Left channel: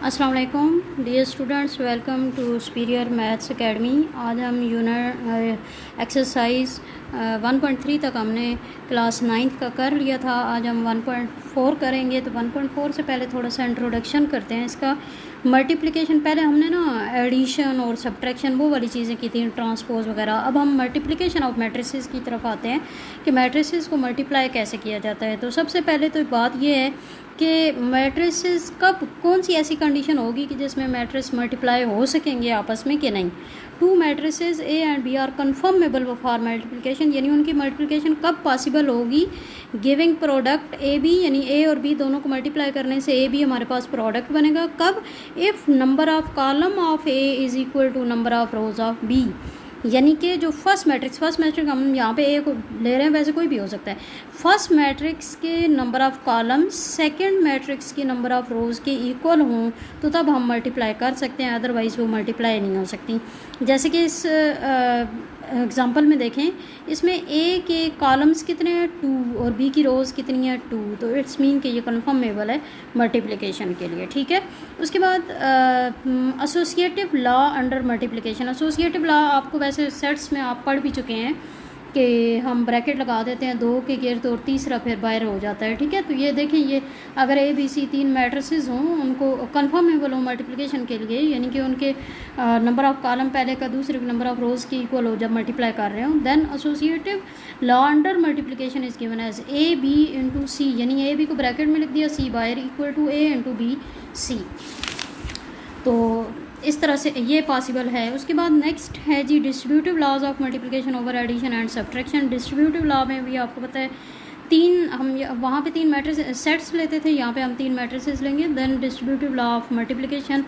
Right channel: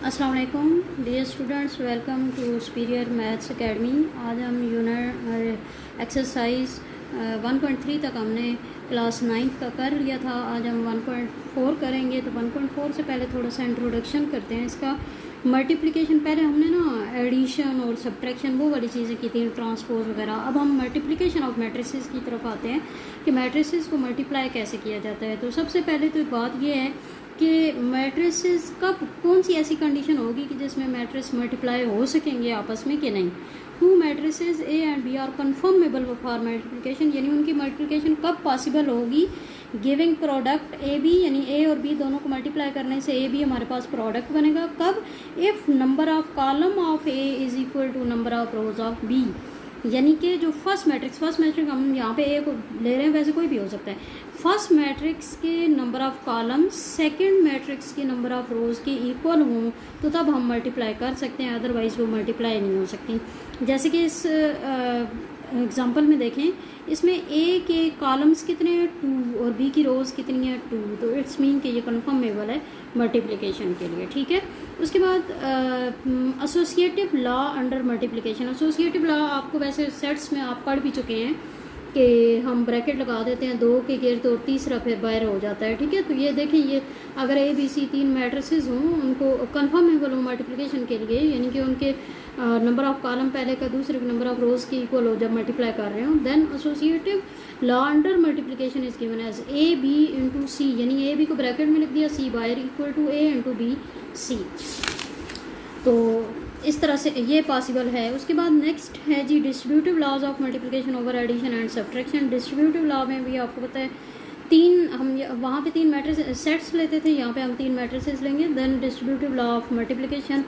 अस्सलाम वालेकुम dear students, welcome to superior maths academy. आज हम यूनिट एक्सरसाइज 1.3 तक हमने क्लास 9 का कर लिया था। आज हम 1.4 करेंगे। तो 1.4 से पहले थोड़ा सा इंट्रोडक्शन करते हैं इसका। मल्टीप्लिकेशन पहले हमने ना एडिशन और सब्ट्रैक्शन वो वाली चीज़ें की थी, ट्रांसपोज वगैरह। अब हम मल्टीप्लिकेशन ऑफ मैट्रिसेस की तरफ आते हैं कि मैट्रिसेस को मल्टीप्लाई कैसे किया जाता है। तो सबसे पहले तो बात ये है कि मैट्रिसेस कब कौन सी ऐसी कंडीशन होगी कि जिसमें मैट्रिस मल्टीप्लाई हो सकेंगे आपस में कि नहीं। Two matrices A and B are conformable for multiplication, यानी उनकी मल्टीप्लिकेशन कब पॉसिबल होगी। गिविंग प्रोडक्ट ए बी, यानी ए और बी दोनों को मल्टीप्लाई करने से ए बी हमारे पास प्रोडक्ट बनेगा। कब? If number of column of A is equal to number of rows of B, यानी कि जो फर्स्ट मैट्रिक्स हम यहाँ पे ए को ले रहे हैं, वैसे कोई भी हो सकता है। फर्स्ट मैट्रिक्स के number of columns second matrix के नंबर ऑफ़ रोज़ के इक्वल हों तो तब हम मल्टीप्लाई कर सकते हैं, अदरवाइज़ वो मल्टीप्लाई नहीं हो सकती। जैसे कि इस एग्ज़ाम्पल में देखें, इसमें ए के कॉलम्स कितने हैं 2 और बी की रोज़ कितनी है 2, तो इट्स मीन कि ये कन्फर्मेबल है मल्टीप्लिकेशन के लिए। ठीक है। उसके बाद associative law under multiplication. Associative law आपको वैसे सेट्स में आप पढ़ भी चुके हैं कि हम ब्रैकेट लगा देते हैं, 2 के गिर्द और तीसरा फिर बाहर हो जाता है। ठीक है। तो ये देखिए, ये अगर ए बी सी 3 मैट्रिसेस हों, उनको कन्फर्मेबल हो मल्टीप्लिकेशन के लिए, यानी कि उनके नंबर ऑफ कॉलम पहले का दूसरे के नंबर ऑफ रोज़ के इक्वल हो जब मल्टीप्लाई कर रहे हो, then associative law under multiplication is given as A B into C, यानी ए बी को ब्रैकेट में लिख दिया, सी बाहर equal to A into B C. तो इस तरह से ये पॉसिबल है। उसके बाद नेक्स्ट है जी distributive laws of multiplication over addition and subtraction. Distributive law में भी आपको पता है हम वहाँ पे 3 मैट्रिस सेट्स लेते थे, यहाँ पे हम 3 मैट्रिसेस लेंगे। Then distributive law of multiplication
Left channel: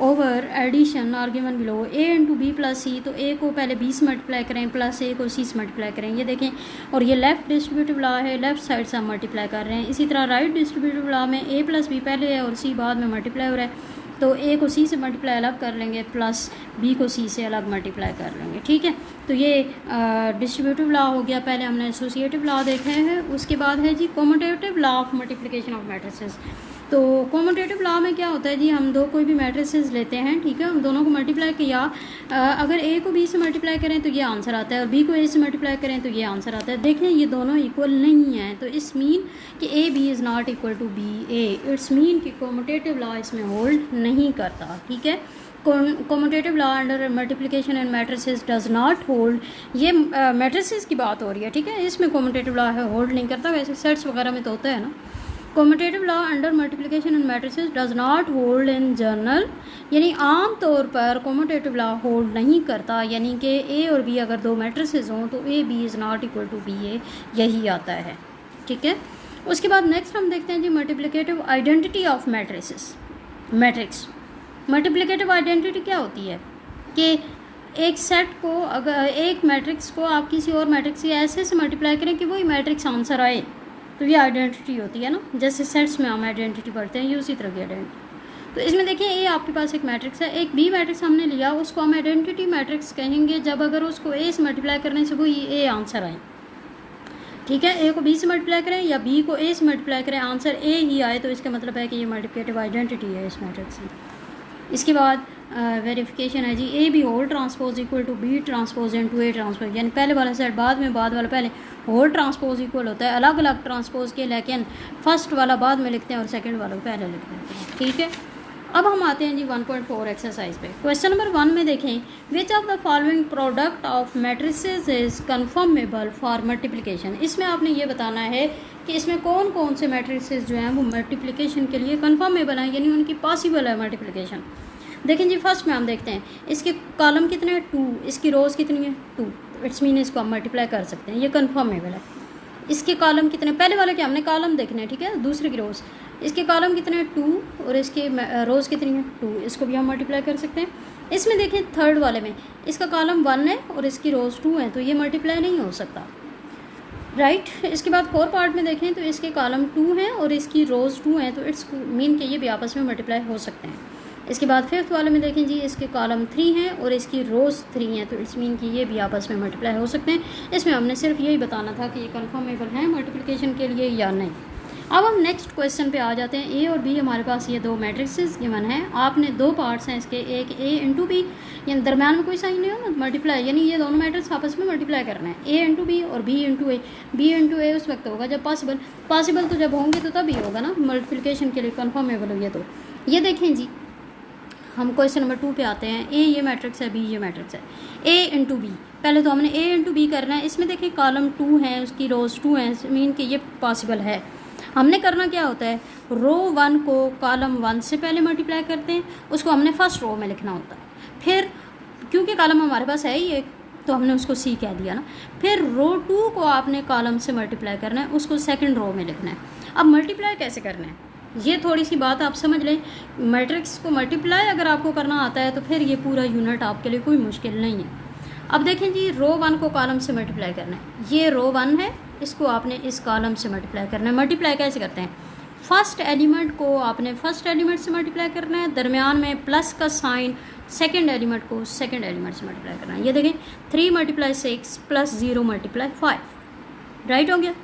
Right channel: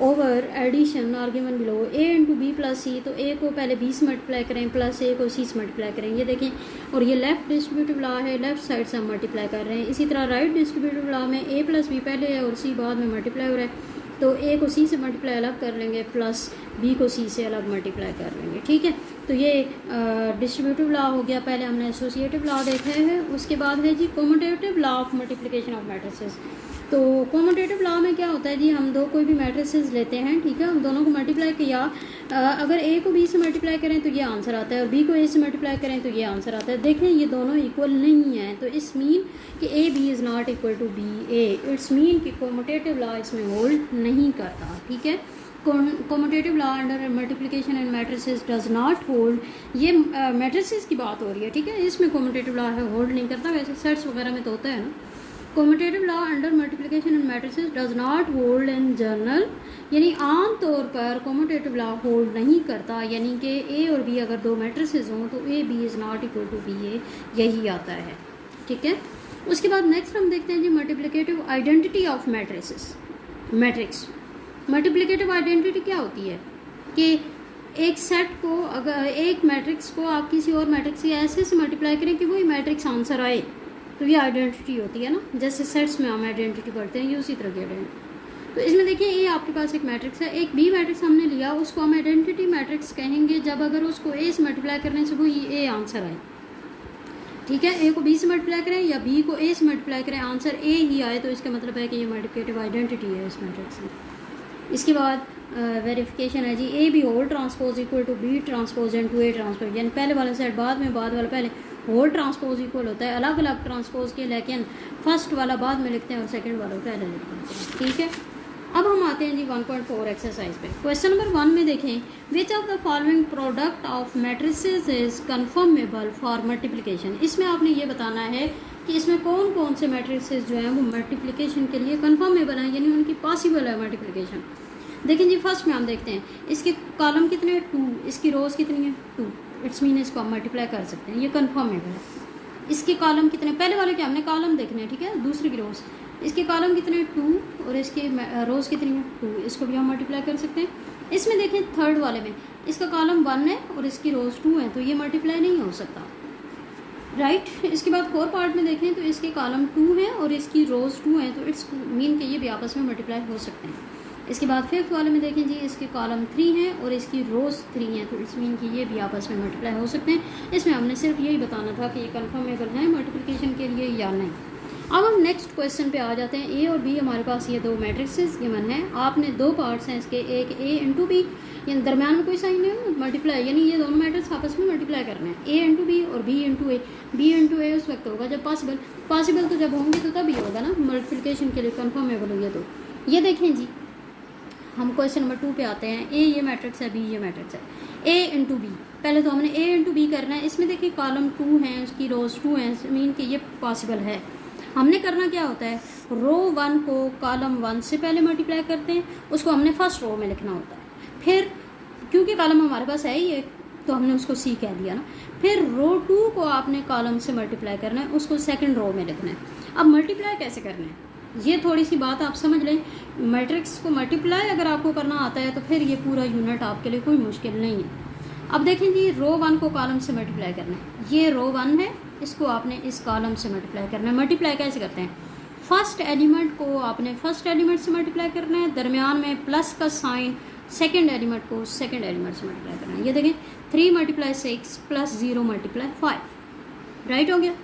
over addition are given below, A into B plus C, तो ए को पहले बी से मल्टीप्लाई करें प्लस ए को सी से मल्टीप्लाई करें, ये देखें। और ये लेफ्ट डिस्ट्रीब्यूटिव लॉ है, लेफ्ट साइड से हम मल्टीप्लाई कर रहे हैं। इसी तरह राइट डिस्ट्रीब्यूटिव लॉ में ए प्लस बी पहले है और सी बाद में मल्टीप्लाई हो रहा है, तो ए को सी से मल्टीप्लाई अलग कर लेंगे प्लस बी को सी से अलग मल्टीप्लाई कर लेंगे। ठीक है। तो ये डिस्ट्रीब्यूटिव लॉ हो गया। पहले हमने एसोसिएटिव लॉ देखा है। उसके बाद है जी commutative law of multiplication of matrices. तो कॉम्यूटेटिव लॉ में क्या होता है जी, हम दो कोई भी मैट्रिसेस लेते हैं, ठीक है, उन दोनों को मल्टीप्लाई किया, अगर ए को बी से मल्टीप्लाई करें तो ये आंसर आता है और बी को ए से मल्टीप्लाई करें तो ये आंसर आता है। देखें ये दोनों इक्वल नहीं है, तो इस मीन कि A B is not equal to B A, it's mean कि कॉम्यूटेटिव लॉ इसमें होल्ड नहीं करता। ठीक है। Commutative law under multiplication and matrices does not hold, ये मैट्रिसेस की बात हो रही है। ठीक है। इसमें कॉम्यूटेटिव लॉ है होल्ड नहीं करता, वैसे सेट्स वगैरह में तो होता है ना। Commutative law under multiplication and matrices does not hold in general, यानी आम तौर पर कॉम्यूटेटिव लॉ होल्ड नहीं करता, यानी कि ए और बी अगर 2 मैट्रिसेस हों तो A B is not equal to B A, यही आता है। ठीक है। उसके बाद नेक्स्ट हम देखते हैं जी multiplicative identity of matrix. Multiplicative identity क्या होती है कि एक सेट को, अगर एक मैट्रिक्स को आप किसी और मैट्रिक्स से ऐसे से मल्टीप्लाई करें कि वही मैट्रिक्स आंसर आए, तो ये आइडेंटिटी होती है ना। जैसे सेट्स में हम आइडेंटिटी पढ़ते हैं, ये उसी तरह की आइडेंटिटी। तो इसमें देखिए, ए आपके पास एक मैट्रिक्स है, एक बी मैट्रिक्स हमने लिया, उसको हम आइडेंटिटी मैट्रिक्स कहेंगे जब अगर उसको ए से मल्टीप्लाई करने से वही ए आंसर आए। ठीक है। ए को बी से मल्टीप्लाई करें या बी को ए से मल्टीप्लाई करें, आंसर ए ही आए, तो इसका मतलब है कि ये मल्टीप्लिकेटिव आइडेंटिटी है इस मैट्रिक्स की। इसके बाद वेरिफिकेशन है जी, A B whole transpose equal to B transpose into A transpose, यानी पहले वाला सेट बाद में, बाद वाला पहले। होल ट्रांसपोज इक्वल होता है अलग अलग ट्रांसपोज के, लेकिन फर्स्ट वाला बाद में लिखते हैं और सेकंड वाला पहले लिखते हैं। ठीक है। अब हम आते हैं जी 1.4 एक्सरसाइज पे। क्वेश्चन नंबर 1 में देखें, which of the following product of matrices is conformable for multiplication. इसमें आपने ये बताना है कि इसमें कौन कौन से मैट्रिसेस जो हैं वो मल्टीप्लिकेशन के लिए कन्फर्मेबल हैं, यानी उनकी पॉसिबल है मल्टीप्लिकेशन। देखें जी, फर्स्ट में हम देखते हैं, इसके कॉलम कितने हैं 2, इसकी रोज़ कितनी है 2, इट्स मीन इसको हम मल्टीप्लाई कर सकते हैं, ये कन्फर्मेबल है। इसके कॉलम कितने, पहले वाले के हमने कॉलम देखने हैं, ठीक है, दूसरे की रोज़। इसके कॉलम कितने हैं 2 और इसके रोज़ कितनी है 2, इसको भी हम मल्टीप्लाई कर सकते हैं। इसमें देखें थर्ड वाले में इसका कॉलम 1 है और इसकी रोज़ 2 हैं, तो ये मल्टीप्लाई नहीं हो सकता, राइट। इसके बाद 4 पार्ट में देखें तो इसके कॉलम 2 हैं और इसकी रोज़ 2 हैं, तो इट्स मीन कि ये भी आपस में मल्टीप्लाई हो सकते हैं। इसके बाद 5th वाले में देखें जी, इसके कॉलम 3 हैं और इसकी रोज़ 3 हैं, तो इट्स मीन कि ये भी आपस में मल्टीप्लाई हो सकते हैं। इसमें हमने सिर्फ यही बताना था कि ये कन्फर्मेबल हैं मल्टीप्लिकेशन के लिए या नहीं। अब हम नेक्स्ट क्वेश्चन पे आ जाते हैं। ए और बी हमारे पास ये दो मैट्रिक्सेस गिवन हैं। आपने दो पार्ट्स हैं इसके, एक ए इंटू बी, यानी दरम्यान में कोई साइन नहीं हो, मल्टीप्लाई, यानी ये दोनों मैट्रिक्स आपस में मल्टीप्लाई करना है, ए इंटू बी और बी इंटू ए। बी इंटू ए उस वक्त होगा जब पॉसिबल तो जब होंगे तो तभी होगा ना, मल्टीप्लिकेशन के लिए कन्फर्मेबल हो ये। तो ये देखें जी, हम क्वेश्चन नंबर 2 पे आते हैं। ए ये मैट्रिक्स है, बी ये मैट्रिक्स है, ए इंटू बी। पहले तो हमने ए इंटू बी करना है। इसमें देखिए कॉलम 2 है, उसकी रोज 2 हैं, मीन कि ये पॉसिबल है। हमने करना क्या होता है, रो 1 को कॉलम 1 से पहले मल्टीप्लाई करते हैं, उसको हमने फर्स्ट रो में लिखना होता है। फिर क्योंकि कॉलम हमारे पास है ही एक, तो हमने उसको सी कह दिया ना। फिर रो 2 को आपने कॉलम से मल्टीप्लाई करना है, उसको सेकंड रो में लिखना है। अब मल्टीप्लाई कैसे करना है, ये थोड़ी सी बात आप समझ लें। मैट्रिक्स को मल्टीप्लाई अगर आपको करना आता है तो फिर ये पूरा यूनिट आपके लिए कोई मुश्किल नहीं है। अब देखें जी, रो 1 को कॉलम से मल्टीप्लाई करना है। ये रो 1 है, इसको आपने इस कॉलम से मल्टीप्लाई करना है। मल्टीप्लाई कैसे करते हैं, फर्स्ट एलिमेंट को आपने फर्स्ट एलिमेंट से मल्टीप्लाई करना है, दरमियान में प्लस का साइन, सेकंड एलिमेंट को सेकंड एलिमेंट से मल्टीप्लाई करना है। ये देखें 3 × 6 + 0 × 5, राइट हो गया।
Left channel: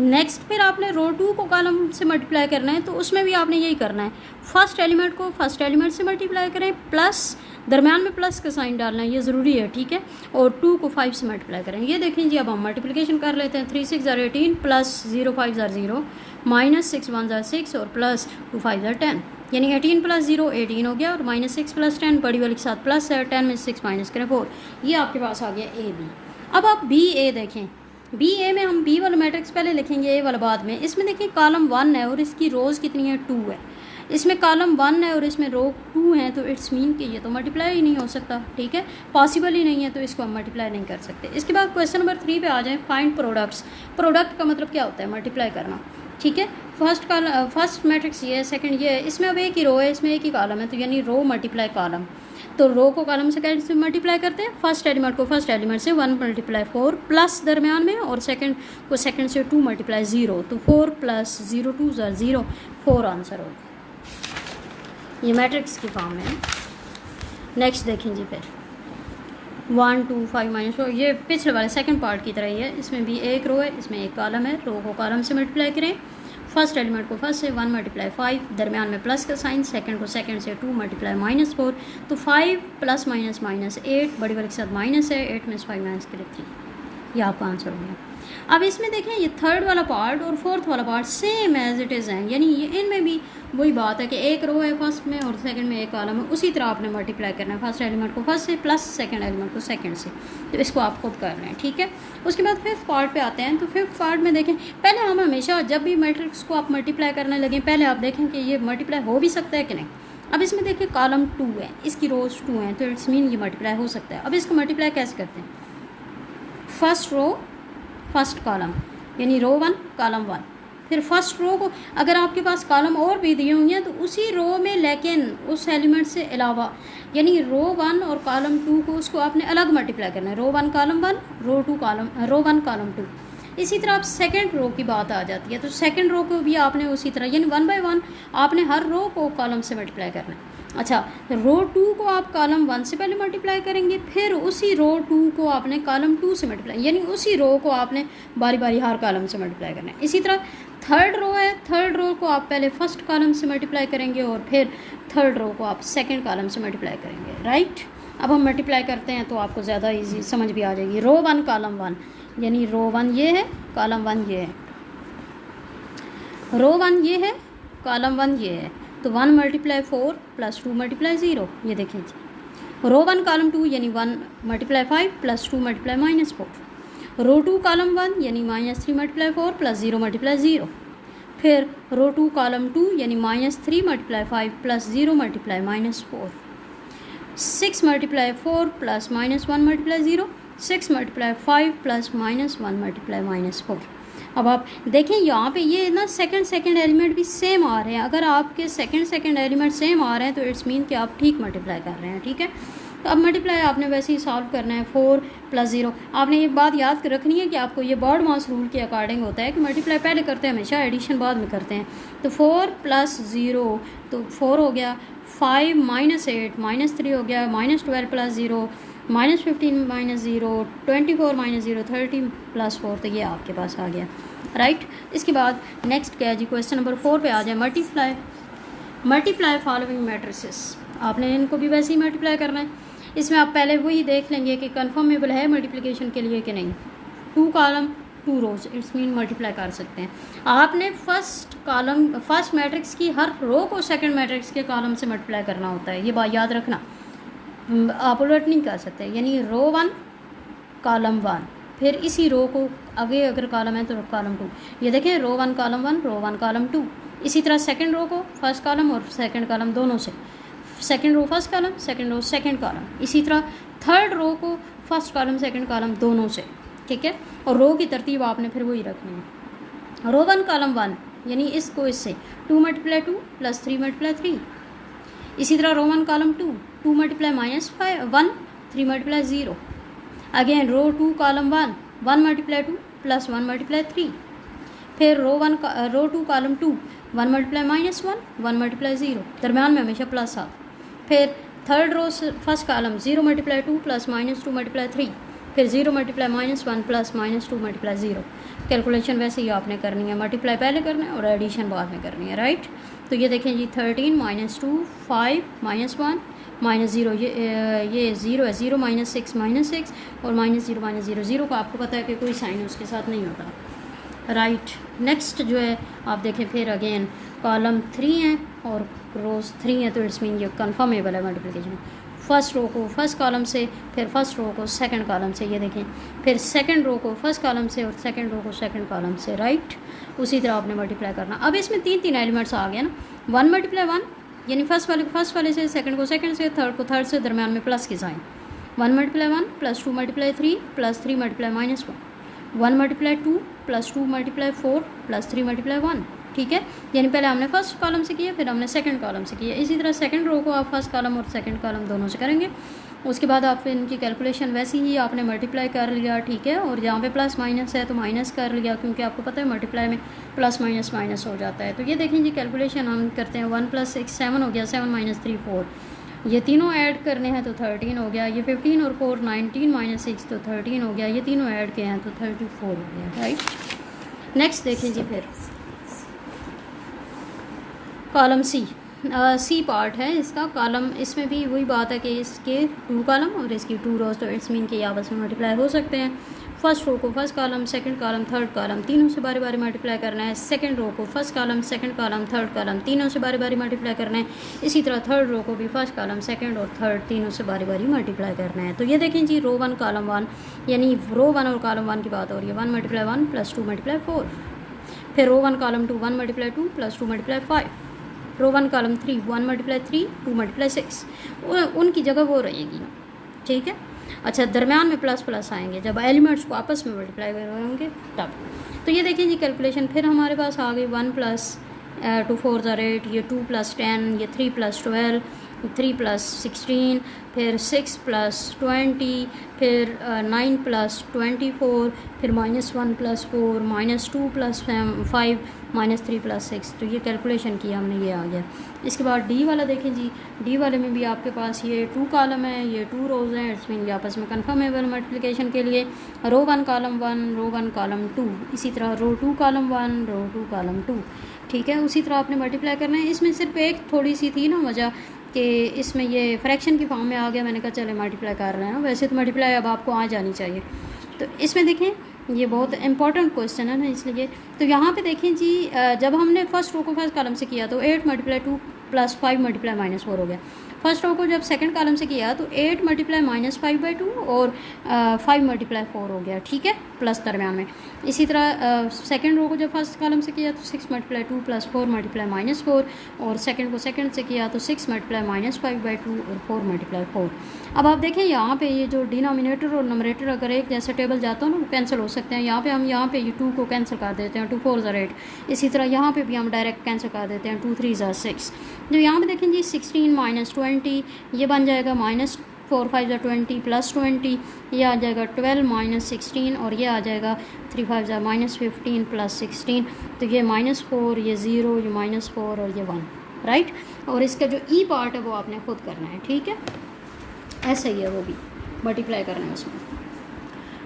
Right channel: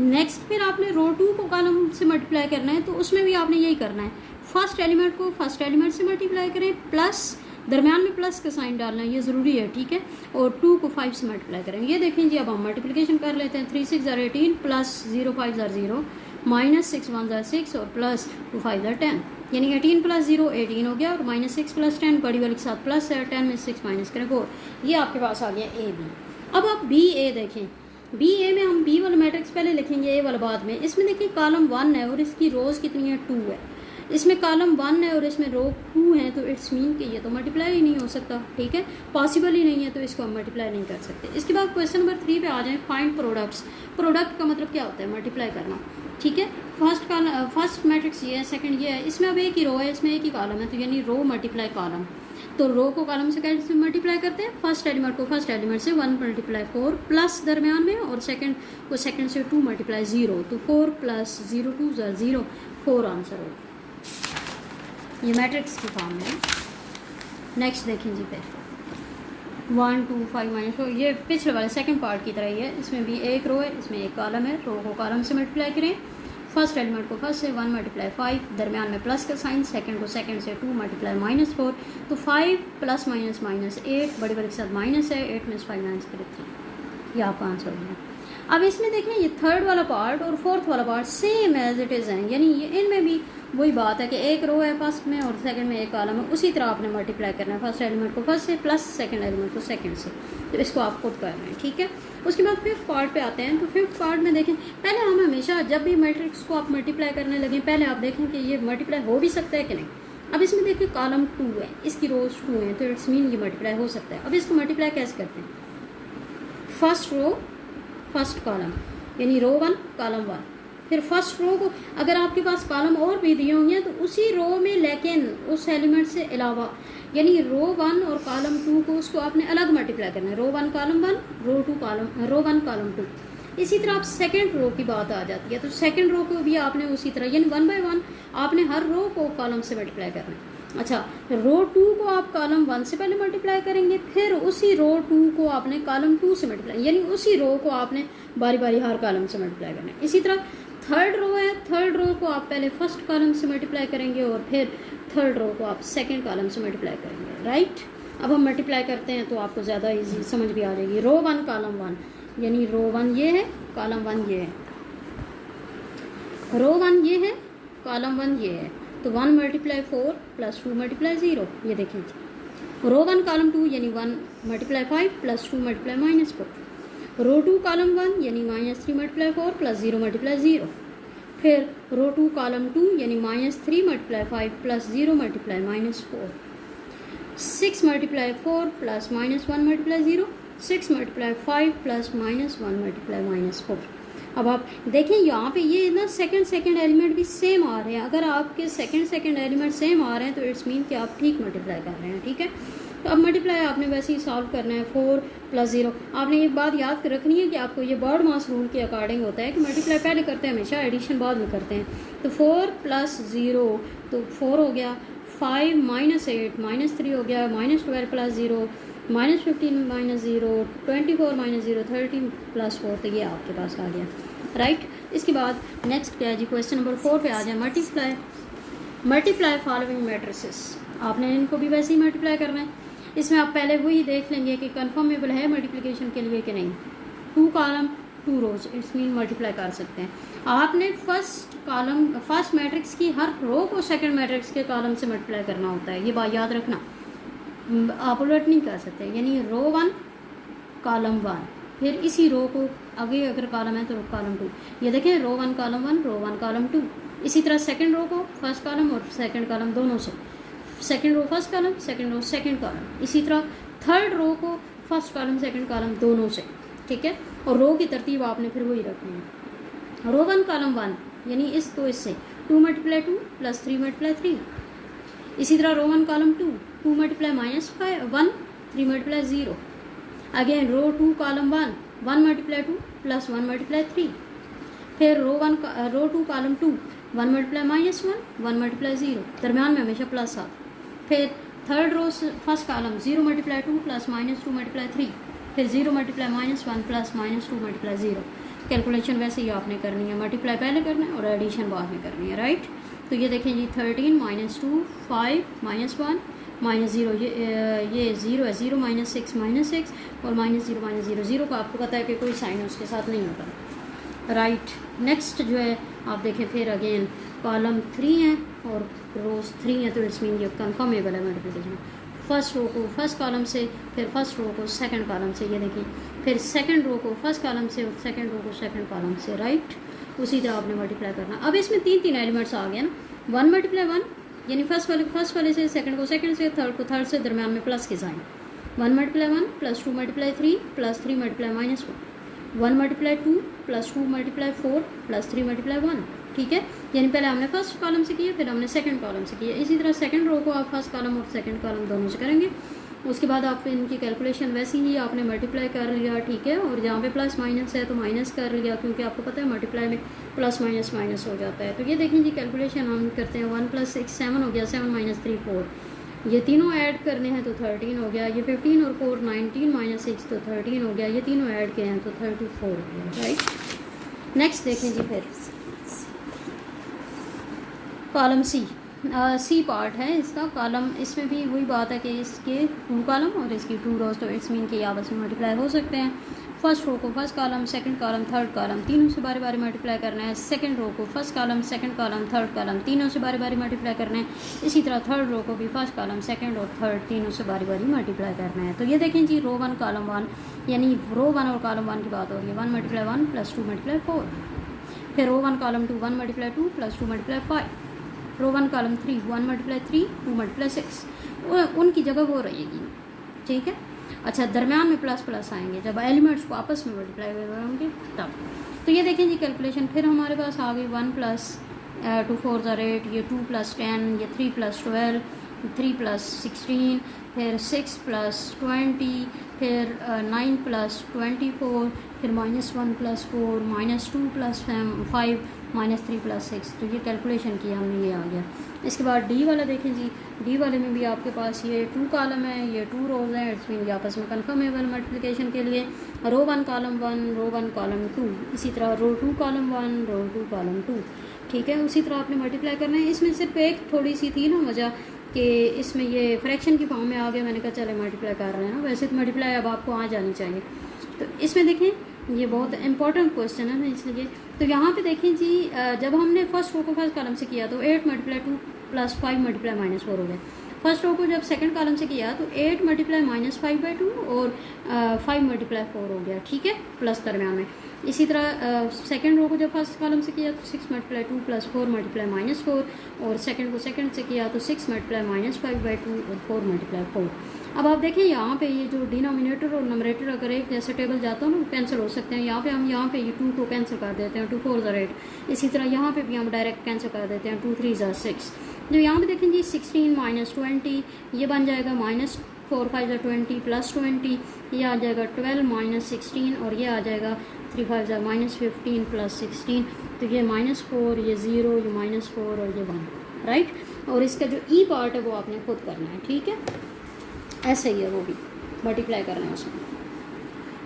नेक्स्ट फिर आपने रो 2 को कॉलम से मल्टीप्लाई करना है, तो उसमें भी आपने यही करना है, फर्स्ट एलिमेंट को फर्स्ट एलिमेंट से मल्टीप्लाई करें, प्लस दरम्यान में प्लस का साइन डालना है, ये ज़रूरी है, ठीक है। और 2 को 5 से मल्टीप्लाई करें। ये देखें जी, अब हम मल्टीप्लिकेशन कर लेते हैं। 3 × 6 = 18 + 0 × 5 = 0 -6 × 1 = 6 और +2 × 5 = 10, यानी 18 + 0 18 हो गया, और -6 + 10 बड़ी वाली के साथ प्लस है, 10 में 6 माइनस करें 4। ये आपके पास आ गया ए बी। अब आप बी ए देखें। बी ए में हम बी वाला मैट्रिक्स पहले लिखेंगे, ए वाला बाद में। इसमें देखिए कॉलम 1 है और इसकी रोज़ कितनी है, 2 है। इसमें कॉलम 1 है और इसमें रो 2 है, तो इट्स मीन कि ये तो मल्टीप्लाई ही नहीं हो सकता, ठीक है, पॉसिबल ही नहीं है, तो इसको हम मल्टीप्लाई नहीं कर सकते। इसके बाद क्वेश्चन नंबर 3 पे आ जाए। Find products. प्रोडक्ट का मतलब क्या होता है, मल्टीप्लाई करना, ठीक है। फर्स्ट मैट्रिक्स ये है, सेकंड ये है। इसमें अब एक ही रो है, इसमें एक ही कॉलम है, तो यानी रो मल्टीप्लाई कॉलम। तो रो को कॉलम से कैसे मल्टीप्लाई करते हैं, फर्स्ट एलिमेंट को फर्स्ट एलिमेंट से 1 × 4 प्लस दरमियान में, और सेकंड को सेकंड से 2 × 0, तो 4 + 0 2 = 0, 4 आंसर होगा। ये मैट्रिक्स की फॉर्म है। नेक्स्ट देखें जी, फिर 1 2 5 -4, ये पिछले वाले सेकंड पार्ट की तरह ही है। इसमें भी एक रो है, इसमें एक कॉलम है। रो को कॉलम से मल्टीप्लाई करें, फर्स्ट एलिमेंट को फर्स्ट से 1 × 5, दरमियान में प्लस का साइन, सेकंड को सेकंड से 2 × -4, तो 5 + -8 बड़ी वाली के साथ माइनस है, 8 में से 5 माइनस करें 3, ये आपका आंसर हो गया। अब इसमें देखें, ये थर्ड वाला पार्ट और फोर्थ वाला part same as it is हैं, यानी ये इनमें भी वही बात है कि एक रो है फर्स्ट में और सेकंड में एक कॉलम है, उसी तरह आपने मल्टीप्लाई करना है, फर्स्ट एलिमेंट को फर्स्ट से प्लस सेकंड एलिमेंट को सेकंड से। तो इसको आप खुद कर रहे हैं, ठीक है। उसके बाद फिफ्थ पार्ट पे आते हैं। तो फिफ्थ पार्ट में देखें, पहले हम हमेशा जब भी मैट्रिक्स को आप मल्टीप्लाई करने लगें, पहले आप देखें कि ये मल्टीप्लाई हो भी सकता है कि नहीं। अब इसमें देखिए कॉलम 2 है, इसकी रोज 2 हैं, तो इट्स मीन ये मल्टीप्लाई हो सकता है। अब इसको मल्टीप्लाई कैसे करते हैं, फर्स्ट रो फर्स्ट कॉलम, यानी रो 1 कॉलम 1, फिर फर्स्ट रो को अगर आपके पास कॉलम और भी दिए होंगे तो उसी रो में, लेकिन उस एलिमेंट से अलावा, यानी रो 1 और कॉलम 2 को उसको आपने अलग मल्टीप्लाई करना है। Row 1 column 1, row 1 column 2। इसी तरह आप सेकंड रो की बात आ जाती है, तो सेकंड रो को भी आपने उसी तरह, यानी 1 बाय 1 आपने हर रो को कॉलम से मल्टीप्लाई करना है। अच्छा, रो 2 को आप कॉलम 1 से पहले मल्टीप्लाई करेंगे, फिर उसी रो 2 को आपने कॉलम 2 से मल्टीप्लाई, यानी उसी रो को आपने बारी बारी हर कॉलम से मल्टीप्लाई करना है। इसी तरह थर्ड रो है, थर्ड रो को आप पहले फर्स्ट कॉलम से मल्टीप्लाई करेंगे और फिर थर्ड रो को आप सेकंड कॉलम से मल्टीप्लाई करेंगे, राइट। अब हम मल्टीप्लाई करते हैं तो आपको ज़्यादा इजी समझ भी आ जाएगी। रो 1 कॉलम 1, यानी रो 1 ये है, कॉलम 1 ये है, रो 1 ये है, कॉलम 1 ये है, तो 1 × 4 + 2 × 0, ये देखें जी। रो 1 कॉलम 2 यानी 1 × 5 + 2 × -4, रो 2 कॉलम 1 यानी -3 × 4 + 0 × 0, फिर रो 2 कॉलम 2 यानी -3 × 5 + 0 × -4, 6 × 4 + -1 × 0, 6 × 5 + -1 × -4। अब आप देखें यहाँ पे ये ना सेकंड एलिमेंट भी सेम आ रहे हैं। अगर आपके सेकंड एलिमेंट सेम आ रहे हैं तो इट्स मीन कि आप ठीक मल्टीप्लाई कर रहे हैं, ठीक है। तो अब मल्टीप्लाई आपने वैसे ही सॉल्व करना है। 4 + 0, आपने एक बात याद रखनी है कि आपको ये बॉड मास रूल के अकॉर्डिंग होता है कि मल्टीप्लाई पहले करते हैं हमेशा, एडिशन बाद में करते हैं। तो 4 + 0 तो 4 हो गया, 5 - 8 -3 हो गया, -12 + 0 -15 -0 24 -0 30 + 4, तो ये आपके पास आ गया, राइट। इसके बाद नेक्स्ट क्या है जी, क्वेश्चन नंबर 4 पे आ जाए। मल्टीप्लाई फॉलोइंग मैट्रिसेस, आपने इनको भी वैसे ही मल्टीप्लाई करना है। इसमें आप पहले वही देख लेंगे कि कन्फर्मेबल है मल्टीप्लिकेशन के लिए कि नहीं। 2 column 2 rows, it's mean multiply कर सकते हैं। आपने फर्स्ट मैट्रिक्स की हर रो को सेकंड मैट्रिक्स के कॉलम से मल्टीप्लाई करना होता है, ये बात याद रखना। आप उलट नहीं कर सकते, यानी रो 1 कॉलम 1, फिर इसी रो को आगे अगर कॉलम है तो कॉलम 2। ये देखें, रो 1 कॉलम 1, रो 1 कॉलम 2। इसी तरह सेकंड रो को फर्स्ट कॉलम और सेकंड कॉलम दोनों से, second row first column, second row second column. इसी तरह थर्ड रो को फर्स्ट कॉलम सेकंड कॉलम दोनों से, ठीक है। और रो की तरतीब आपने फिर वही रखनी है। रो 1 कॉलम 1 यानी इसको इससे 2 × 2 + 3 × 3। इसी तरह रो 1 कॉलम 2 2 × -1 3 × 0। अगेन रो 2 कॉलम 1 1 × 2 + 1 × 3। फिर रो 2 कॉलम 2 1 × -1 1 × 0, दरम्यान में हमेशा प्लस आता। फिर थर्ड रो फर्स्ट कॉलम 0 × 2 + -2 × 3। फिर 0 × -1 + -2 × 0। कैलकुलेशन वैसे ही आपने करनी है, मल्टीप्लाई पहले करना है और एडिशन बाद में करनी है, राइट। तो ये देखें जी, 13 -2 5 -1 -0, ये 0 है, 0 -6 -6 और -0 -0 0 का आपको पता है कि कोई साइन उसके साथ नहीं होता, राइट। नेक्स्ट जो है आप देखें, फिर अगेन कॉलम 3 है और रोज 3 है, तो इट्स मीन ये कन्फर्मेबल है मल्टीप्लिकेशन। फर्स्ट रो को फर्स्ट कॉलम से, फिर फर्स्ट रो को सेकंड कॉलम से, ये देखें, फिर सेकंड रो को फर्स्ट कॉलम से और सेकंड रो को सेकंड कॉलम से, राइट। उसी तरह आपने मल्टीप्लाई करना। अब इसमें 3 एलिमेंट्स आ गए ना, 1 × 1 यानी फर्स्ट वाले से, सेकंड को सेकंड से, थर्ड को थर्ड से, दरम्यान में प्लस के साइन। 1 × 1 + 2 × 3 + 3 × -1 1 × 2 + 2 × 4 + 3 × 1, ठीक है। यानी पहले हमने फर्स्ट कॉलम से किया, फिर हमने सेकंड कॉलम से किया। इसी तरह सेकंड रो को आप फर्स्ट कॉलम और सेकंड कॉलम दोनों से करेंगे। उसके बाद आप इनकी कैलकुलेशन वैसे ही आपने मल्टीप्लाई कर लिया, ठीक है। और जहाँ पे प्लस माइनस है तो माइनस कर लिया, क्योंकि आपको पता है मल्टीप्लाई में प्लस माइनस माइनस हो जाता है। तो ये देखें जी, कैलकुलेशन हम करते हैं। 1 + 6 7 हो गया, 7 - 3 4, ये तीनों ऐड करने हैं तो 13 हो गया। ये 15 और 4 19 - 6 तो 13 हो गया। ये तीनों ऐड किए हैं तो 34 हो गया, राइट। नेक्स्ट देखें जी, फिर कॉलम सी पार्ट है इसका कॉलम। इसमें भी वही बात है कि इसके 2 कॉलम और इसकी 2 रोज, तो इट्स मीन कि आपस में मल्टीप्लाई हो सकते हैं। फर्स्ट रो को first column, second column, third column, तीनों से बारी बारी मल्टीप्लाई करना है। सेकंड रो को first column, second column, third column, तीनों से बारी बारी मल्टीप्लाई करना है। इसी तरह थर्ड रो को भी फर्स्ट कॉलम, सेकंड और थर्ड, तीनों से बारी बारी मल्टीप्लाई करना है। तो ये देखें जी, रो 1 कॉलम 1 यानी रो 1 और कॉलम 1 की बात हो रही है। 1 × 1 + 2 × 4। फिर रो 1 कॉलम 2 1 × 2 + 2 × 5। रो 1 कॉलम 3 1 × 3 2 × 6। उनकी जगह वो रहेगी ना, ठीक है। अच्छा, दरम्यान में प्लस प्लस आएंगे जब एलिमेंट्स को आपस में मल्टीप्लाई होंगे तब। तो ये देखें जी, कैलकुलेशन फिर हमारे पास आ गई। 1 + 2 4 = 8, ये 2 + 10, ये 3 + 12, 3 + 16, फिर 6 + 20, फिर 9 + 24, फिर -1 + 4 -2 + 5 -3 + 6। तो ये कैलकुलेशन किया हमने, ये आ गया। इसके बाद डी वाला देखें जी, डी वाले में भी आपके पास ये 2 कॉलम है, ये 2 रोज हैं। इट्स मीन आपस में कन्फर्मेबल मल्टीप्लिकेशन के लिए रो 1 कॉलम 1 रो 1 कॉलम 2, इसी तरह रो 2 कॉलम 1 रो 2 कॉलम 2, ठीक है। उसी तरह आपने मल्टीप्लाई करना है। इसमें सिर्फ एक थोड़ी सी थी ना वजह कि इसमें ये फ्रैक्शन की फॉर्म में आ गया। मैंने कहा चले मल्टीप्लाई कर रहे हैं, वैसे तो मल्टीप्लाई अब आपको आ जानी चाहिए। तो इसमें देखें, ये बहुत इंपॉर्टेंट क्वेश्चन है ना, इसलिए। तो यहाँ पे देखें जी, जब हमने फर्स्ट रो को फर्स्ट कॉलम से किया तो 8 × 2 + 5 × -4 हो गया। फर्स्ट रो को जब सेकंड कॉलम से किया तो 8 × -5/2 और 5 × 4 हो गया, ठीक है, प्लस दरम्यान में। इसी तरह सेकंड रो को जब फर्स्ट कॉलम से किया तो 6 × 2 + 4 × -4 और सेकंड को सेकंड से किया तो 6 × -5/2 और 4 × 4। अब आप देखें यहाँ पे ये जो डिनोमिनेटर और नोमरेटर अगर एक जैसे टेबल जाता हो ना, कैंसिल हो सकते हैं। यहाँ पे हम यहाँ पे ये 2 को कैंसिल कर देते हैं, 2 4 = 8। इसी तरह यहाँ पे भी हम डायरेक्ट कैंसिल कर देते हैं, 2 3 = 6। जो यहाँ पे देखें जी, 16 - 20 ये बन जाएगा -4 5 = 20 + 20, ये आ जाएगा 12 - 16 और ये आ जाएगा 3 5 = -15 + 16। तो ये -4, ये 0, ये -4 और ये 1, राइट। और इसका जो ई पार्ट है वो आपने खुद करना है, ठीक है, ऐसे ही है वो भी। मल्टीप्लाई करना है उसमें।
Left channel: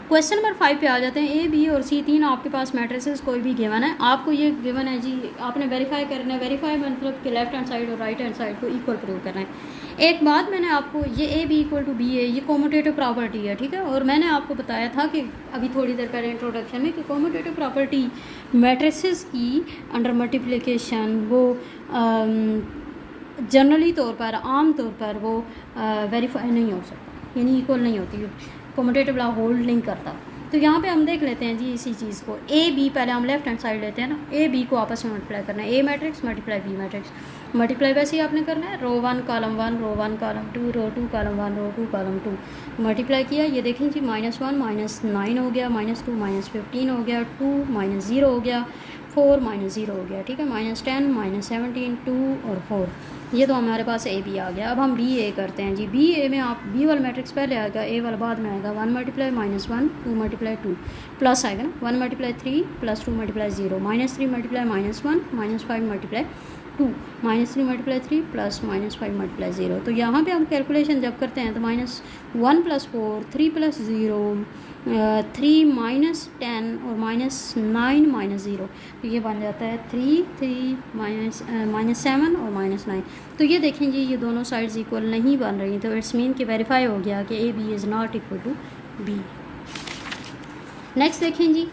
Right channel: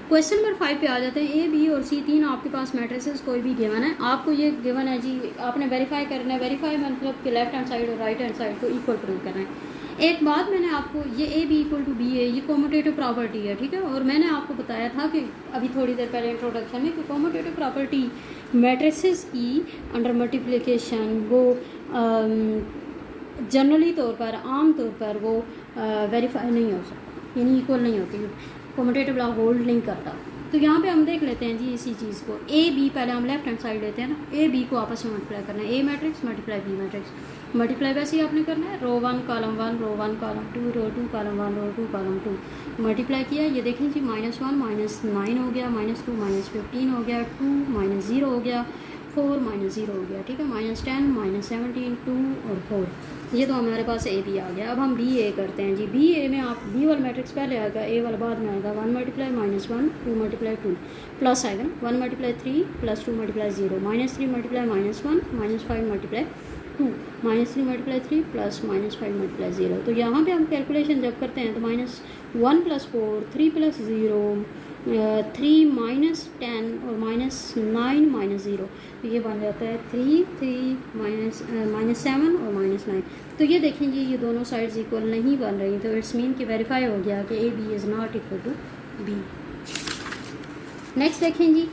क्वेश्चन नंबर 5 पे आ जाते हैं। ए बी और सी तीन आपके पास मैट्रिसेस कोई भी गिवन है, आपको ये गिवन है जी, आपने वेरीफाई करना है। वेरीफाई मतलब कि लेफ्ट हैंड साइड और राइट हैंड साइड को इक्वल प्रूव करना है। एक बात मैंने आपको, ये A B equal to B है, ये कॉम्यूटेटिव प्रॉपर्टी है, ठीक है। और मैंने आपको बताया था कि अभी थोड़ी देर पहले इंट्रोडक्शन में कि कॉम्यूटेटिव प्रॉपर्टी मैट्रिसेस की अंडर मल्टीप्लिकेशन वो जनरली तौर पर, आम तौर पर वो वेरीफाई नहीं हो सकती, यानी इक्वल नहीं होती, कॉम्यूटेटिव लॉ होल्ड नहीं करता। तो यहाँ पे हम देख लेते हैं जी इसी चीज़ को। ए बी पहले हम लेफ्ट हैंड साइड लेते हैं ना, ए बी को आपस में मल्टीप्लाई करना है। A matrix multiply B matrix, multiply वैसे ही आपने करना है, row 1 column 1 row 1 column 2 row 2 column 1 row 2 column 2 multiply किया। ये देखें जी -1 -9 हो गया, -2 -15 हो गया, 2 -0 हो गया, 4 -0 हो गया, ठीक है, -10 -17 2 और 4, ये तो हमारे पास ए बी आ गया। अब हम बी ए करते हैं जी। बी ए में आप बी वाला मैट्रिक्स पहले आएगा, ए वाला बाद में आएगा। 1 मल्टीप्लाई -1 2 मल्टीप्लाई 2 प्लस आएगा ना, 1 multiply 3 plus 2 multiply 0 -3 multiply -1 -5 multiply 2 -3 multiply 3 plus -5 multiply 0। तो यहाँ पे हम कैलकुलेशन जब करते हैं तो -1 + 4 3 + 0 3 -10 और -9 -0, तो ये बन जाता है 3 3 -7 और -9। तो ये देखें जी, ये दोनों साइड्स इक्वल नहीं बन रही, तो इट्स मीन कि वेरीफाई हो गया कि A B is not equal to B. Next देखें जी,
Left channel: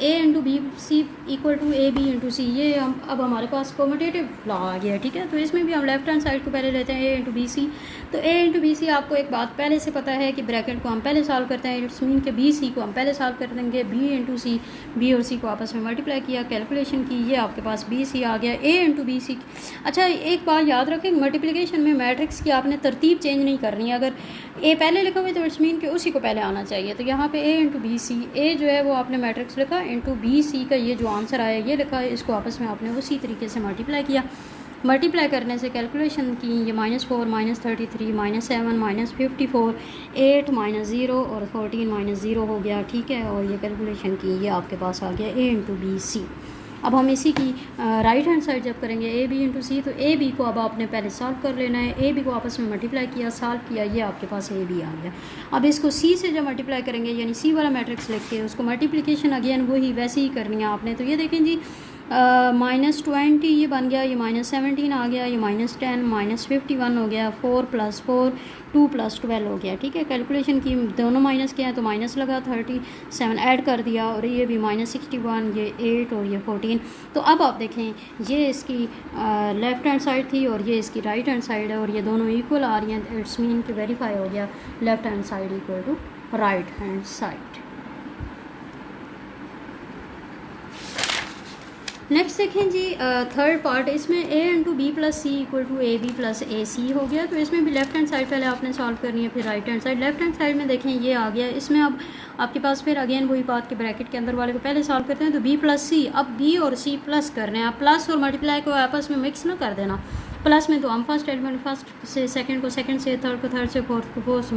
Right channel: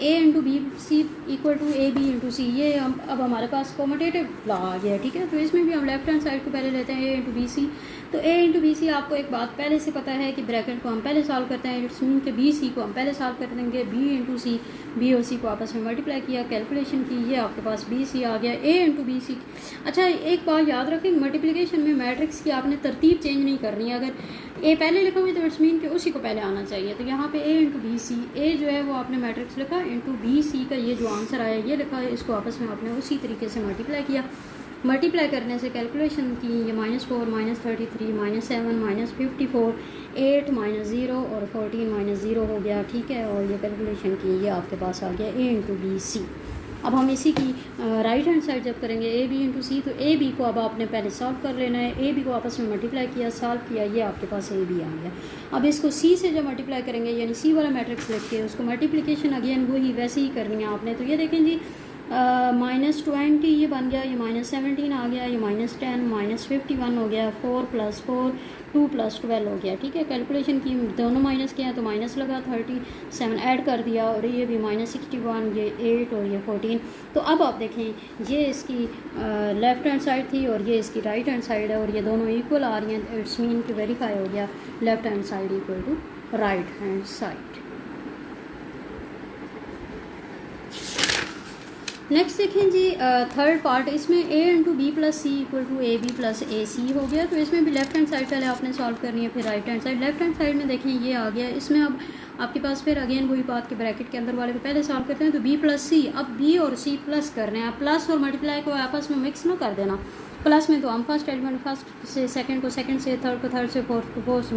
A into B C equal to A B into C, ये अब हमारे पास कॉम्यूटेटिव लॉ आ गया, ठीक है। तो इसमें भी हम लेफ्ट हैंड साइड को पहले लेते हैं, ए इंटू बी सी। तो ए इंटू बी सी आपको एक बात पहले से पता है कि ब्रैकेट को हम पहले सॉल्व करते हैं, इट्स मीन के बी सी को हम पहले सॉल्व कर देंगे। बी इंटू सी, बी और सी को आपस में मल्टीप्लाई किया, कैलकुलेशन की, ये आपके पास बी सी आ गया। ए इंटू बी सी, अच्छा एक बात याद रखें, मल्टीप्लिकेशन में मैट्रिक्स की आपने तरतीब चेंज नहीं करनी है। अगर ए पहले लिखा हुआ है तो इट्स मीन कि उसी को पहले आना चाहिए। तो यहाँ पे ए इंटू बी सी, ए जो है वो आपने मैट्रिक्स लिखा, इंटू बी सी का ये जो आंसर आया ये लिखा है, इसको आपस में आपने उसी तरीके से मल्टीप्लाई किया। मल्टीप्लाई करने से कैलकुलेशन की, ये -4 -33 -7 -54 8 -0 और 14 -0 हो गया, ठीक है। और ये कैलकुलेशन की, ये आपके पास आ गया ए इंटू बी सी। अब हम इसी की राइट हैंड साइड जब करेंगे ए बी इंटू सी, तो ए बी को अब आपने पहले सॉल्व कर लेना है। ए बी को आपस में मल्टीप्लाई किया, सॉल्व किया, ये आपके पास ए बी आ गया। अब इसको सी से जब मल्टीप्लाई करेंगे, यानी सी वाला मैट्रिक्स लिख के उसको मल्टीप्लिकेशन अगेन वही वैसे ही करनी है आपने। तो ये देखें जी, -20 ये बन गया, ये -17 आ गया, ये -10 -51 हो गया, 4 + 4 2 + 12 हो गया, ठीक है। कैलकुलेशन की, दोनों माइनस किया तो माइनस लगा, 37 ऐड कर दिया, और ये भी -61, ये 8 और ये 14। तो अब आप देखें, ये इसकी लेफ्ट हैंड साइड थी और ये इसकी राइट हैंड साइड है, और ये दोनों इक्वल आ रही हैं। इट्स मीन कि वेरीफाई हो गया left hand side equal to right hand side. Next देखें जी, थर्ड पार्ट, इसमें A into B plus C equal to A B plus A C हो गया। तो इसमें भी लेफ्ट हैंड साइड पहले आपने सॉल्व करनी है, फिर right hand side. Left hand side में देखें ये आ गया, इसमें अब आपके पास फिर अगेन वही बात के ब्रैकेट के अंदर वाले को पहले सॉल्व करते हैं। तो बी प्लस सी, अब बी और सी प्लस कर रहे हैं, आप प्लस और मल्टीप्लाई को आपस में मिक्स ना कर देना। प्लस में तो हम फर्स्ट एलिमेंट फर्स्ट से, सेकंड को सेकंड से, थर्ड को थर्ड से, फोर्थ को फोर्थ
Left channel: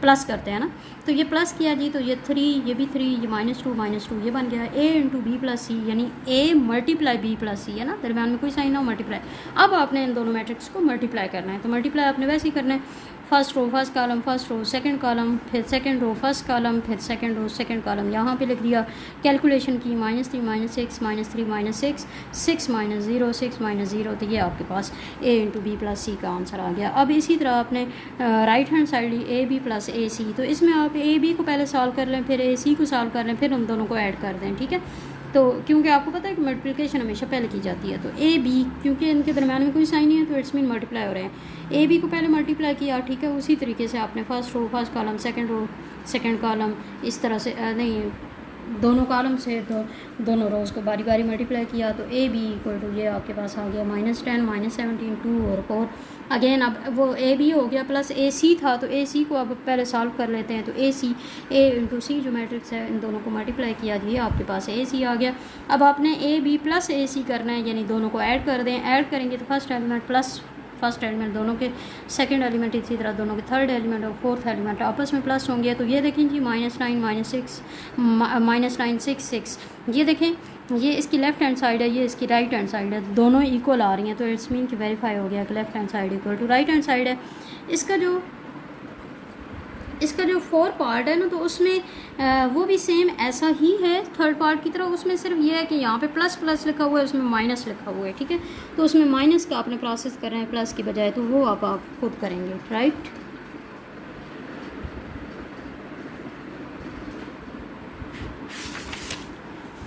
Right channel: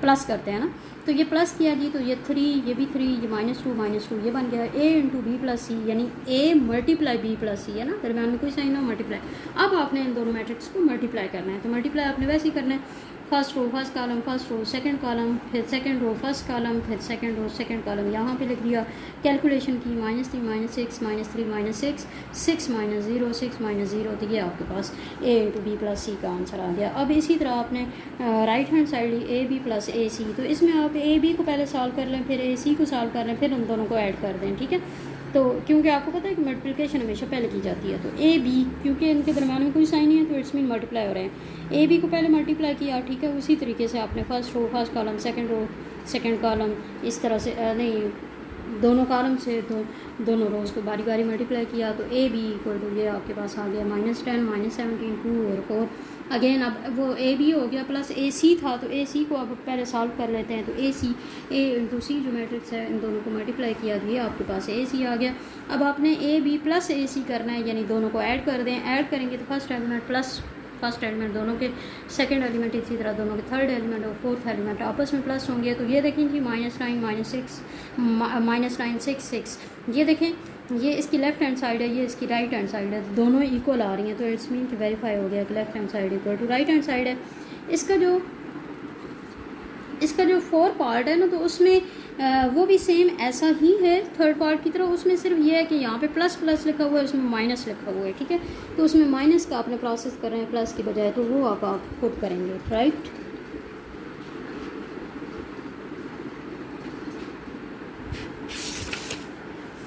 प्लस करते हैं ना। तो ये प्लस किया जी, तो ये 3, ये भी 3, ये -2 ये बन गया ए इंटू बी प्लस सी, यानी ए मल्टीप्लाई बी प्लस सी है ना, दरम्यान में कोई साइन ना मल्टीप्लाई। अब आपने इन दोनों मैट्रिक्स को मल्टीप्लाई करना है, तो मल्टीप्लाई आपने वैसे ही करना है, first row first column, first row second column, फिर सेकंड रो फर्स्ट कॉलम, फिर सेकंड रो सेकंड कॉलम, यहाँ पे लिख दिया। कैलकुलेशन की, -3 -6 -3 -6 6 -0 6 -0, तो ये आपके पास A into B plus C का आंसर आ गया। अब इसी तरह आपने राइट हैंड साइड ली, A B plus A C. तो इसमें आप ए बी को पहले सॉल्व कर लें, फिर ए सी को सॉल्व कर लें, फिर हम दोनों को ऐड कर दें, ठीक है। तो क्योंकि आपको पता है कि मल्टीप्लिकेशन हमेशा पहले की जाती है, तो ए बी क्योंकि इनके दरम्यान में कोई साइन नहीं है, तो इट्स मीन मल्टीप्लाई हो रहे हैं। ए बी को पहले मल्टीप्लाई किया, ठीक है। उसी तरीके से आपने first row first column, second row second column, इस तरह से नहीं, दोनों कॉलम से दोनों रोज को बारी बारी मल्टीप्लाई किया। तो ए बी इक्वल टू ये आपके पास आ गया -10 -17 2 और 4। अगेन अब वो ए बी हो गया, प्लस ए सी था, तो ए सी को अब पहले सॉल्व कर लेते हैं। तो ए सी, ए इंटू सी जो मैट्रिक्स है, इन दोनों को मल्टीप्लाई किया, ये आपके पास ए सी आ गया। अब आपने ए बी प्लस ए सी करना है, यानी दोनों को ऐड कर दें। ऐड करेंगे तो first element plus first element दोनों के, सेकंड एलिमेंट इसी तरह दोनों के, थर्ड एलिमेंट और फोर्थ एलिमेंट आपस में प्लस होंगे। तो ये देखें जी, -9 -6 6, ये देखें, ये इसकी लेफ्ट हैंड साइड है, ये इसकी राइट हैंड साइड है, दोनों इक्वल आ रही हैं। तो इट्स मीन कि वेरीफाई हो गया कि left hand side equal to right hand side है। इसका जो इसका जो 4 पार्ट है ना, तो उसमें वो भी सेम ऐसा ही है थर्ड पार्ट की तरह। उसमें सिर्फ ये है कि यहाँ पे प्लस प्लस लिखा हुआ है, उसमें माइनस लिखा हुआ है, ठीक है। तो उसमें माइनस का आपने प्रोसेस कर रहे हैं प्लस की बजाय, तो वो आप पुट करेंगे, राइट।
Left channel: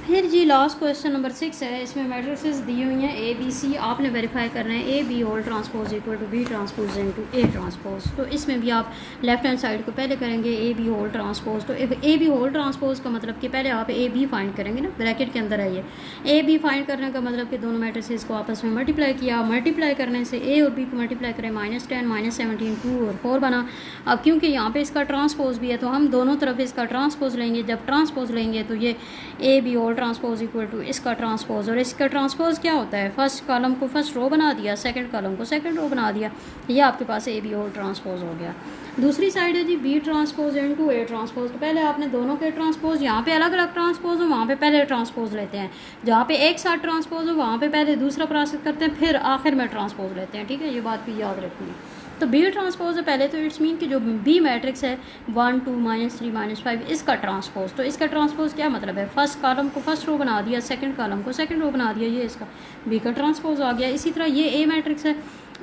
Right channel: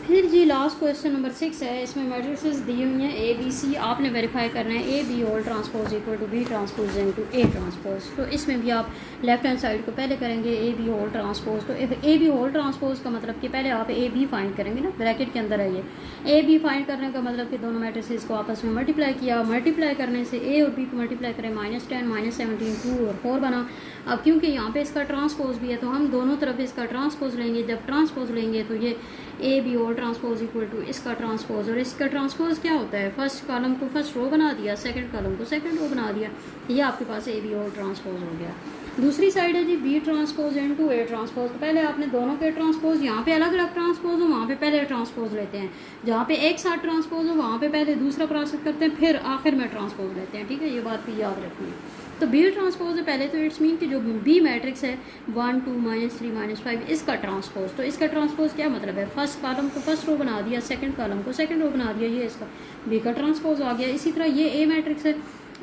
फिर जी लास्ट क्वेश्चन नंबर 6 है। इसमें मैट्रिसेस दी हुई हैं ए बी सी, आपने वेरीफाई करना है A B whole transpose equal to B transpose into A transpose. तो इसमें भी आप लेफ्ट हैंड साइड को पहले करेंगे ए बी होल ट्रांसपोज। तो ए बी होल ट्रांसपोज का मतलब कि पहले आप ए बी फाइंड करेंगे ना, ब्रैकेट के अंदर है ये। ए बी फाइंड करने का मतलब कि दोनों मैट्रिसेस को आपस में मल्टीप्लाई किया, मल्टीप्लाई करने से ए और बी को मल्टीप्लाई करें, -10 -17 2 और 4 बना। अब क्योंकि यहाँ पे इसका ट्रांसपोज भी है तो हम दोनों तरफ इसका ट्रांसपोज लेंगे। जब ट्रांसपोज लेंगे तो ये A B whole transpose equal to इसका ट्रांसपोज, और इसका ट्रांसपोज क्या होता है, फर्स्ट कॉलम को फर्स्ट रो बना दिया, सेकंड कॉलम को सेकंड रो बना दिया, ये आपके पास ए बी होल ट्रांसपोज हो गया। दूसरी साइड है जी B transpose into A transpose. तो पहले आपने दोनों के ट्रांसपोज, यहाँ पे अलग अलग ट्रांसपोज हो वहाँ पे पहले ट्रांसपोज लेते हैं, जहाँ पे एक साथ ट्रांसपोज हो वहाँ पे पहले दूसरा प्रोसेस करते हैं, फिर आखिर में ट्रांसपोज लेते हैं, ठीक है। ये बात भी याद रखनी है। तो बी ट्रांसपोज है पहले, तो इट्स मीन कि जो बी मैट्रिक्स है 1 2 -3 -5 इसका ट्रांसपोज। तो इसका ट्रांसपोज क्या मतलब है, फर्स्ट कॉलम को फर्स्ट रो बना दिया, सेकंड कॉलम को सेकंड रो बना दिया, ये इसका बी का ट्रांसपोज आ गया। इसी तरह ये ए मैट्रिक्स है,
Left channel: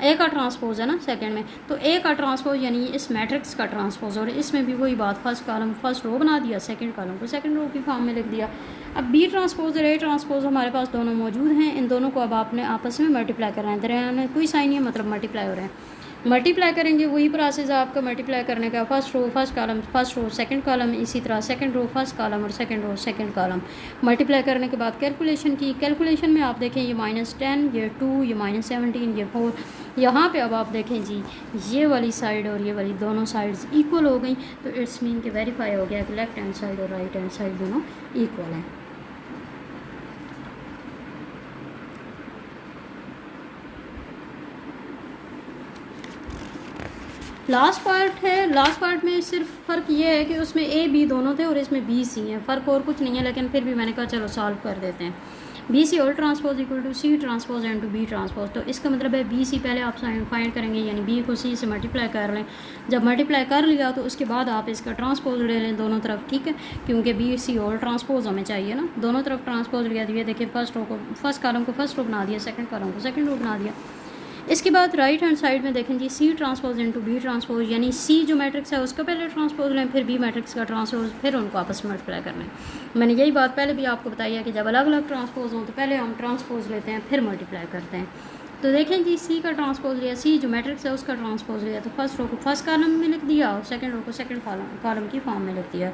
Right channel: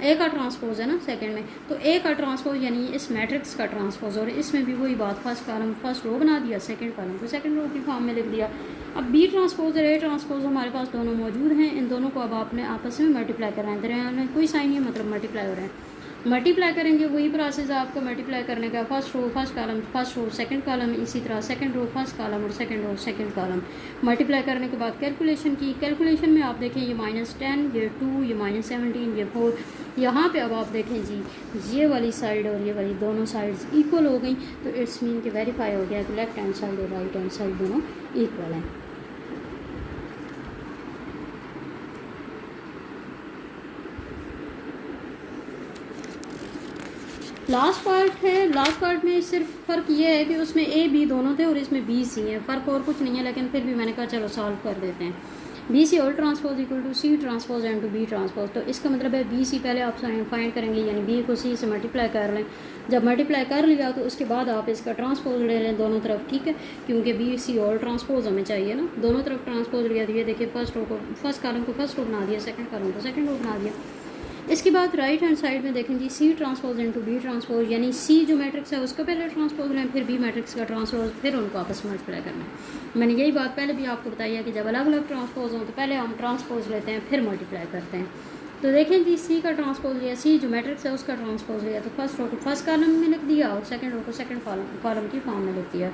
ए का ट्रांसपोज है ना सेकंड में, तो ए का ट्रांसपोज यानी इस मैट्रिक्स का ट्रांसपोज, और इसमें भी वही बात, फर्स्ट कॉलम फर्स्ट रो बना दिया, सेकंड कॉलम को सेकंड रो की फॉर्म में लिख दिया। अब बी ट्रांसपोज और ए ट्रांसपोज हमारे पास दोनों मौजूद हैं, इन दोनों को अब आपने आपस में मल्टीप्लाई कर रहे हैं। दरमियान कोई साइन नहीं है, मतलब मल्टीप्लाई हो रहे हैं। मल्टीप्लाई करेंगे, वही प्रोसेस है आपका मल्टीप्लाई करने का, first row first column first row second column, इसी तरह सेकंड रो फर्स्ट कॉलम और second row second column. Multiply करने के बाद कैलकुलेशन की, कैलकुलेशन में आप देखें ये -10, ये 2, ये -17, ये 4। यहाँ पे अब आप देखें जी ये वाली साइड और ये वाली दोनों साइड्स इक्वल हो गई, तो इट्स मीन कि वेरीफाई हो गया कि लेफ्ट हैंड साइड और राइट हैंड साइड दोनों इक्वल हैं। लास्ट पार्ट है, लास्ट पार्ट में सिर्फ फ़र्क ये है कि उसमें ए बी दोनों थे और इसमें बी सी है, फ़र्क और कुछ नहीं है, लेकिन फिर भी मैंने कहा चलो सॉल्व कर देते हैं। B C whole transpose equal to C transpose and to B transpose. तो इसका मतलब है बी सी पहले आप फाइंड करेंगे, यानी बी को सी से मल्टीप्लाई कर लें। जब मल्टीप्लाई कर लिया तो उसके बाद आप इसका ट्रांसपोज ले लें दोनों तरफ, ठीक है, क्योंकि बी सी होल ट्रांसपोज हमें चाहिए ना। दोनों तरफ ट्रांसपोज लिया, तो ये देखिए फर्स्ट रो को फर्स्ट कॉलम को फर्स्ट रो बना दिया, सेकंड कॉलम को सेकंड रो बना दिया। इसके बाद राइट हैंड साइड में देखें जी C transpose into B transpose, यानी सी जो मैट्रिक्स है उसका पहले ट्रांसपोज लें, फिर बी मैट्रिक्स का ट्रांसपोज, फिर उनको आपस में मल्टीप्लाई करना है। मैंने यही बात पहले भी आपको बताई है कि जब अलग अलग ट्रांसपोज हों तो पहले हम ट्रांसपोज लेते हैं फिर मल्टीप्लाई करते हैं। तो देखें जी सी का ट्रांसपोज लिया, सी जो मैट्रिक्स है उसका ट्रांसपोज लिया, तो फर्स्ट रो को फर्स्ट कॉलम में लिख दिया और सेकंड रो को सेकंड कॉलम की फॉर्म में लिख दिया।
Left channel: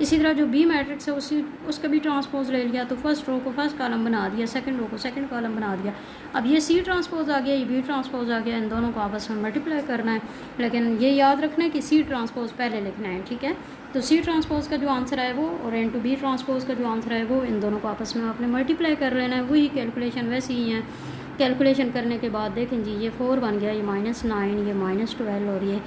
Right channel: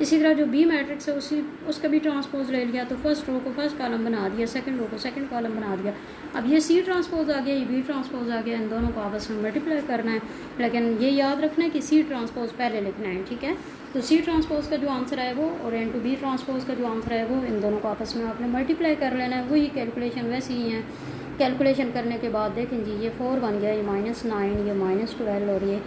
इसी तरह जो बी मैट्रिक्स है उसका भी ट्रांसपोज ले लिया, तो फर्स्ट रो को फर्स्ट कॉलम बना दिया, सेकंड रो को सेकंड कॉलम बना दिया। अब ये सी ट्रांसपोज आ गया, ये बी ट्रांसपोज आ गया, इन दोनों को आपस में मल्टीप्लाई करना है, लेकिन ये याद रखना है कि सी ट्रांसपोज पहले लिखना है, ठीक है। तो सी ट्रांसपोज का जो आंसर है वो और इनटू बी ट्रांसपोज का जो आंसर है वो, इन दोनों को आपस में आपने मल्टीप्लाई कर लेना है। वही कैलकुलेशन वैसे ही है। कैलकुलेशन करने के बाद देखें जी ये 4 बन गया, ये -9, ये -12 और ये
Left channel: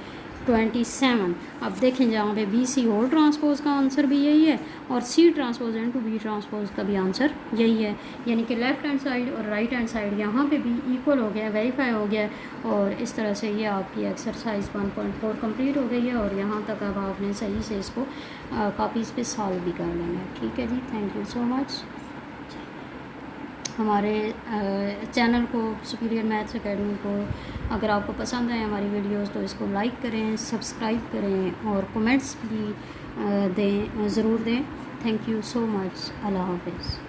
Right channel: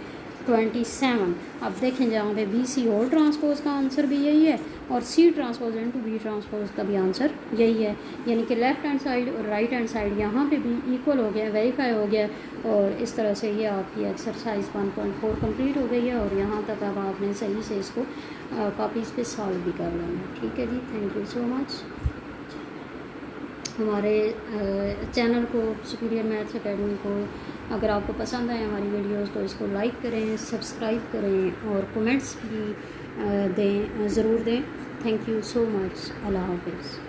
27। अब देखें जहाँ पे बी सी होल ट्रांसपोज का आंसर भी यही है और C transpose into B transpose का भी आंसर यही है, यानी कि लेफ्ट हैंड साइड और राइट हैंड साइड यहाँ पे भी इक्वल हो गया, वेरीफाई हो गया। और इस तरह से ये आपकी एक्सरसाइज 1.4 कंप्लीट हो गई है और यहाँ तक अब आपने सही से इसको कॉपीज़ पे सॉल्व भी कर लेना है, ठीक है जी। Thank you so much. हमारे चैनल को सुपीरियर मैथ्स एकेडमी को अगर आपको पसंद आए हमारी वीडियोस तो इसको लाइक करें, सब्सक्राइब करें और कमेंट्स भी दें, ज़रूर दें। Thank you so much. अल्लाह हाफिज़।